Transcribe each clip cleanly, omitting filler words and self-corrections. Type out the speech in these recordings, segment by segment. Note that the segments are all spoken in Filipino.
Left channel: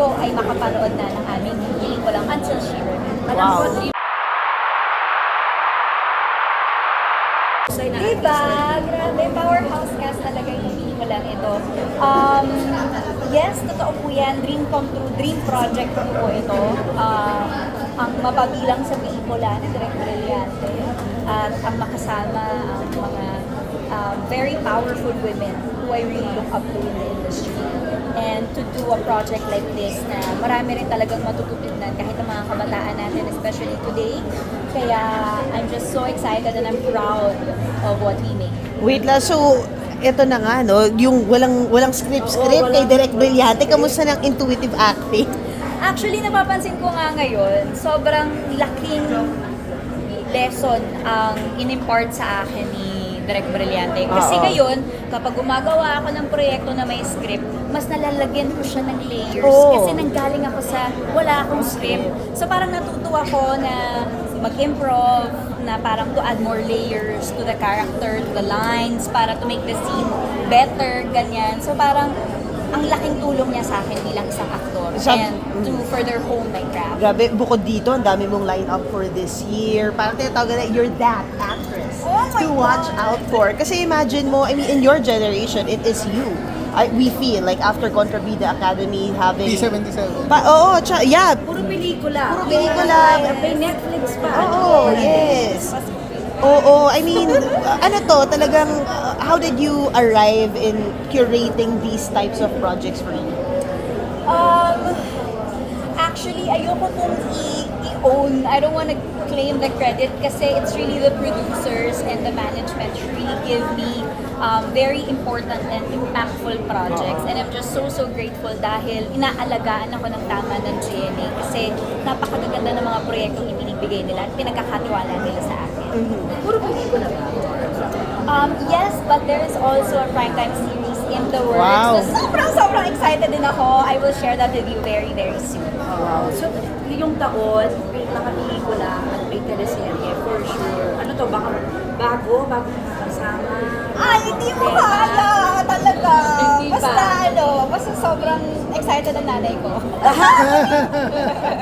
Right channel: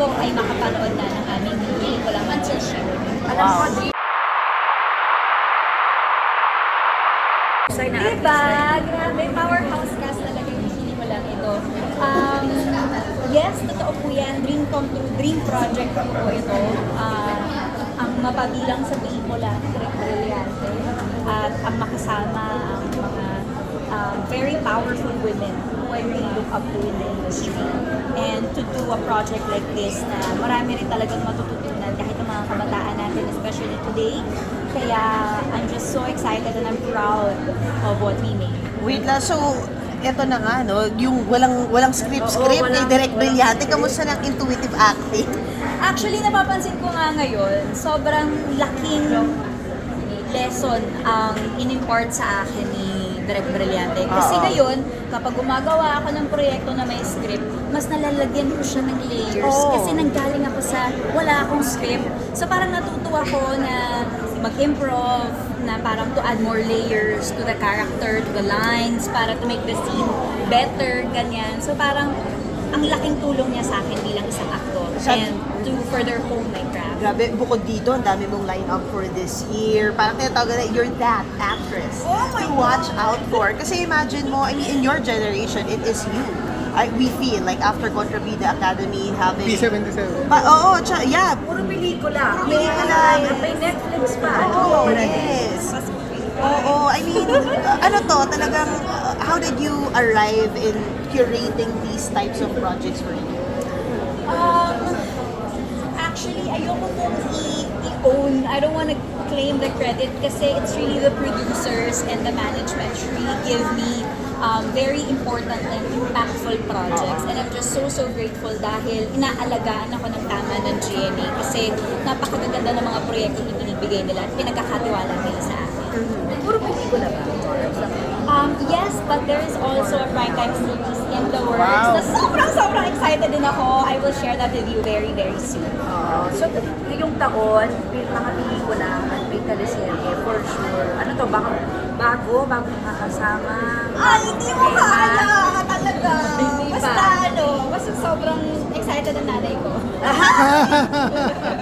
po ay makapanood na ng aming Hiling Ko Lang Until She Heard It. Alam ko, Diba? Grabe, powerhouse cast talaga yung Hiling Ko Lang ito. Yes, totoo po yan. Dream come true, dream project ko po ito. Ang mapabilang sa pelikula na Direk Brillante at ang makasama ang mga very powerful women who I really look up to in the industry. And to do a project like this na marami rin talagang matututunan kahit ang mga kabataan natin, especially today. Kaya I'm just so excited and I'm proud of what we made. wait lang, so ito na nga, no? Yung walang script kay Direk Brillante. Kamusta ng intuitive acting? Actually, napapansin ko nga ngayon, sobrang laking lesson ang in-impart sa akin ni Direk Brillante. Kasi ngayon, kapag gumagawa ako ng proyekto na may script, mas nalalagyan ko siya ng layers. Kasi nanggaling ako sa wala akong script. So parang natutuwa ko na mag-improv, na parang to add more layers to the character, to the lines, para to make the scene better, ganyan. So parang ang laking tulong niya sa akin bilang isang aktor and to further hone my craft. Grabe, bukod dito, ang dami mong line-up for this year. Parang tinatawag na, you're that actress Oh my to watch God! out for. Kasi imagine mo, in your generation, it is you. We feel like after Contrabida Academy having... P77. Oo, yeah. Puro pelikula. Puro pelikula. May Netflix pa. Oo, yes. Oo, I mean, ano to, talagang, how did you arrive in curating these types of projects for you? Actually, ayoko pong i-own. I don't want to claim the credit kasi it's really the producers and the management who really give me very important and impactful projects. And I'm just so grateful dahil inaalagaan ako ng tama ng GMA kasi napakaganda ng mga proyektong ibinibigay nila at pinagkakatiwala nila sa akin. Puro pelikula ba? Yes, but there is also a primetime series in the works. Wow. So sobrang excited din ako. I will share that with you very soon. So, yung taon, mga pelikula at may teleserye, for sure. Ano to, bago nakakasama? Ay, hindi mo kaya talaga. Hindi pa. Basta sobrang excited ang nanay ko.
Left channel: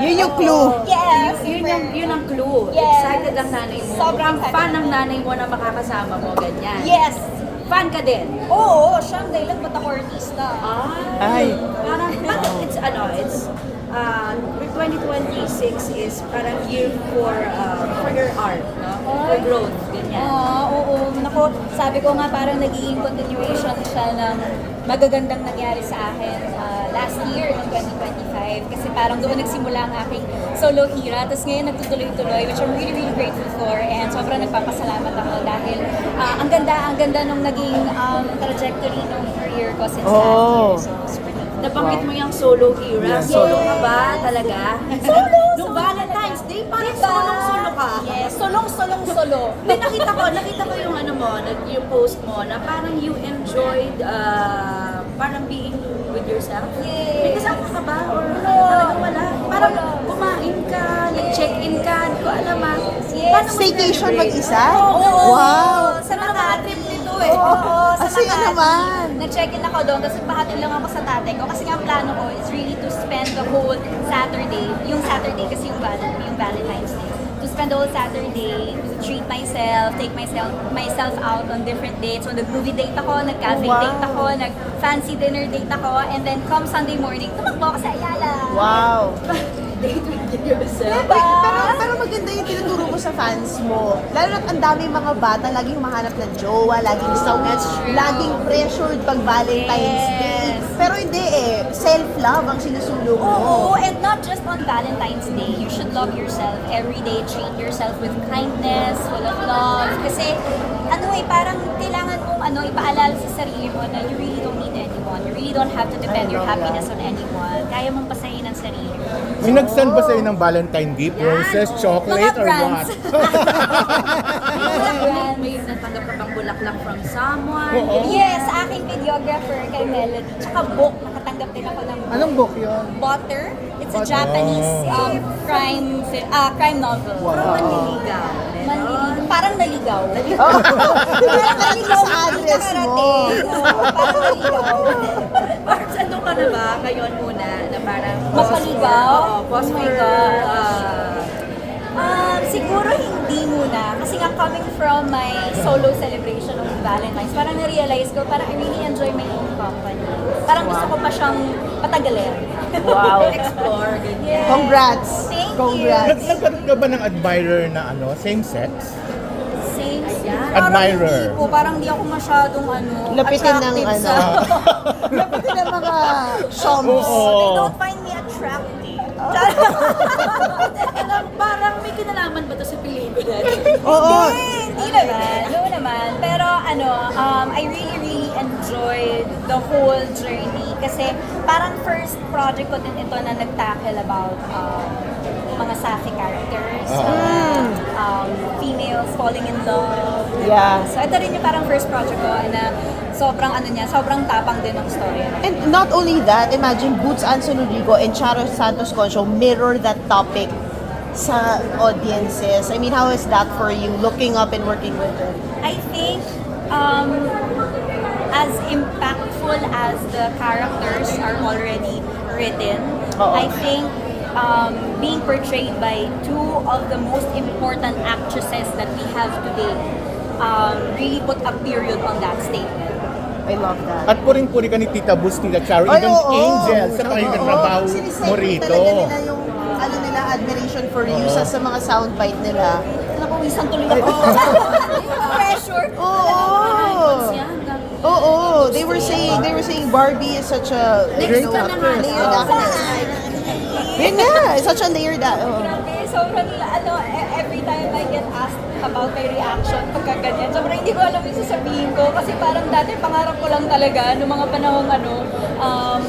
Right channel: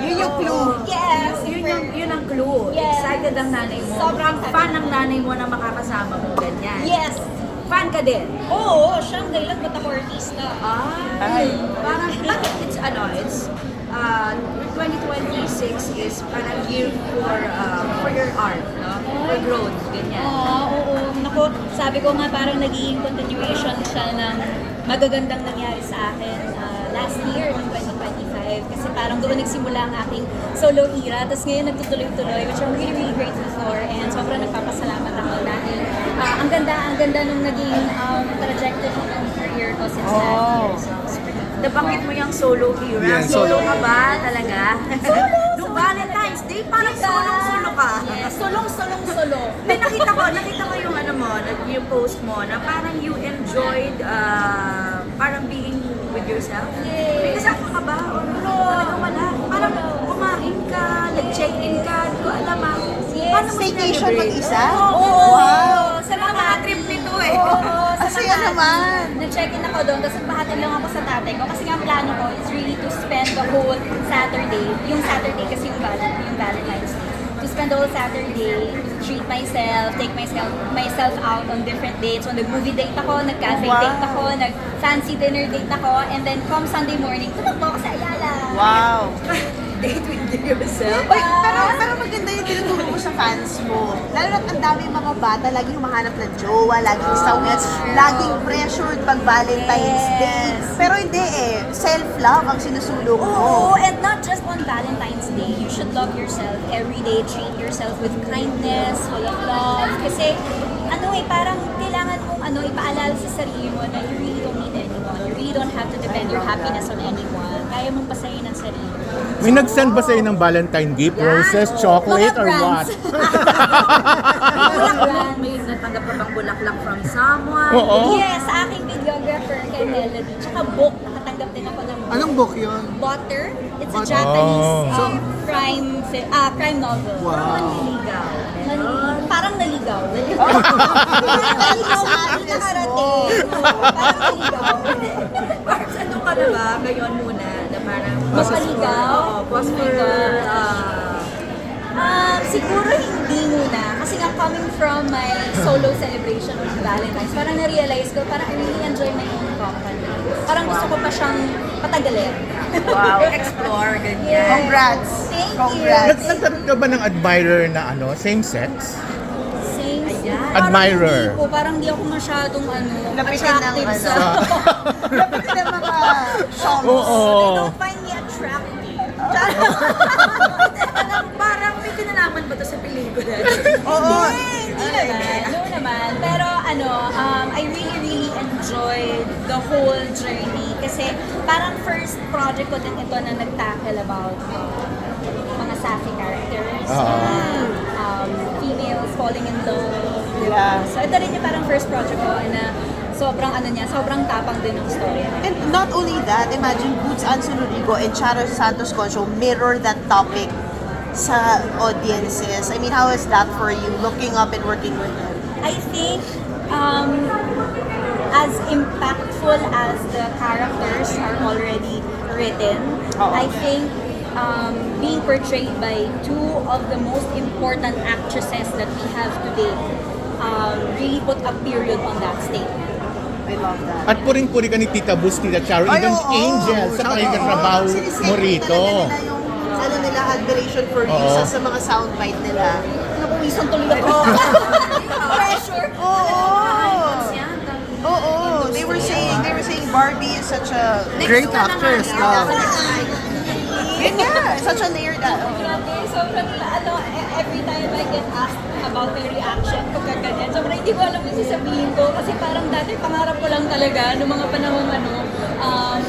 Yun yung clue. Yes. Yun ang clue. Yes. Excited ang nanay mo. Sobrang Fan ng nanay mo na makakasama mo, ganyan. Yes. Fan ka din. Oo, siya ang dahilan ba't ako artista. Ay. Parang, it's 2026 is parang year for your art, no? For growth, ganyan. Oo. Naku, sabi ko nga parang nagiging continuation siya ng magagandang nangyari sa akin last year, ng 2025. Kasi parang doon nagsimula ang aking solo era. Tapos ngayon nagtutuloy-tuloy, which I'm really grateful for. And sobrang nagpapasalamat ako dahil ang ganda nung naging trajectory ng career ko since last year. So, Nabanggit mo yung solo era. Yeah, solo solo. ka ba talaga? Solo! Nung Valentine's Day, parang Diba? solo ka. Yes, solo. Hindi, nakita ko yung ano mo, yung post mo, na parang you enjoyed parang being with yourself. Yes. May kasama ka ba? Wala. Parang kumain ka, nag-check-in ka, hindi ko alam Yes. Paano mo Staycation celebrate? mag-isa? Oo. Wow. Sa mga trip nito eh. Oo, sa Masaya Makati. naman. Nag-check-in ako doon, tapos nagpahatid lang ako sa tatay ko. Kasi nga ang plano ko is really to spend the whole Saturday, yung Saturday kasi yung Valentine's Day. To spend the whole Saturday, treat myself, take myself out on different dates. So nag-movie date ako, nag-cafe date ako, nag-fancy dinner date ako, and then come Sunday morning, tumakbo ako sa Ayala. Wow. Date with yourself. Diba? Pero maganda yung tinuturo mo sa fans mo. Lalo na ang daming mga bata, laging humahanap ng jowa, laging sawit, laging pressured pag Valentine's Day. Yes. Pero hindi self-love ang sinusulong mo. Oo, and not just on Valentine's Day. You should love yourself every day. Treat yourself with kindness, full of love. Kasi, parang kailangan mong ipaalala sa sarili mo na you really don't need anyone. You really don't have to depend your happiness on anyone. Kaya mong pasayin ang sarili mo. May nag-send ba sa'yo ng Valentine gift? Roses, chocolate, Mga or what? brands. May natanggap ka bang bulaklak from someone? Oo. Yes, sa aking videographer kay Melody. Tsaka book, nakatanggap din ako ng book. Anong book yun? Butter. It's a Japanese crime novel. Manliligaw. Parang naligaw. Parang naligaw na hindi nakarating. Oo, parang naligaw. Parang ano ka na ba ngayon muna na Parang Mapaligaw? Pause Oh my for, God. Siguro hindi muna. Kasi nga coming from my solo celebration of Valentine's, parang na-realize ko, parang I really enjoy my own company. Parang gusto ko pa siyang patagalin. wow, explore, ganyan. Congrats. Thank Congrats. you. Nagkaroon ka ba ng admirer na same sex? Same. Ayan. Parang Admirer. hindi po. Parang di ako masyadong Lapitan ng attractive sa... Lapitin ang mga showmo. Oo. They don't find me attractive. Parang may kinalaman ba to sa pelikula? Hindi naman. No naman. Pero I really enjoyed the whole journey. Kasi parang first project ko din ito na nag-tackle about mga sassy characters. Mga females falling in love. Diba? Yeah. So ito rin yung parang first project ko na sobrang tapang din ng story. And not only that, imagine Boots Anson Rodrigo and Charo Santos Concho mirror that topic sa audiences. I mean, how is that for you, looking up and working with them? I think as impactful as the characters are already written, Oo. I think being portrayed by two of the most important actresses that we have today really put a period on that statement. I love that. At puring-puri ka ni Tita Bus, Tita Charo, Ay, even oo. Angel sa Oo. katrabaho Sinisegue mo rito. talaga nila yung nila, admiration for you Oo. sa mga soundbite nila. Napawisan tuloy ako. Pressure. Oo, they were saying Barbie is such a Great actress. Yun nga, such a layered Grabe, sobrang every time I get asked about my reaction pagka ganyan, sobrang hindi ko alam yung sasabihin ko kasi parang dati pangarap ko lang talaga noong mga panahong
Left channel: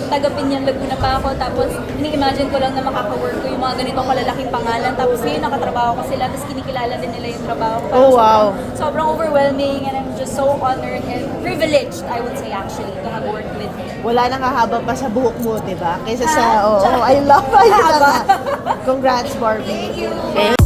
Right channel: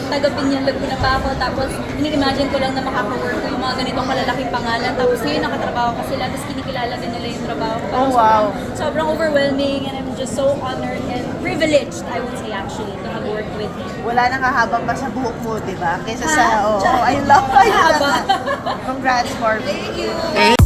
taga Binyan Laguna pa ako, tapos ini-imagine ko lang na makaka-work ko yung mga ganitong kalalaking pangalan, tapos ngayon nakatrabaho ko sila, tapos kinikilala din nila yung trabaho ko. Parang Oh, wow. sobrang overwhelming and I'm just so honored and privileged, I would say actually, to have worked with him. Wala nang hahaba pa sa buhok mo, di ba? Kaysa sa, Ha? I love Haba. Congrats, Barbie. Thank you.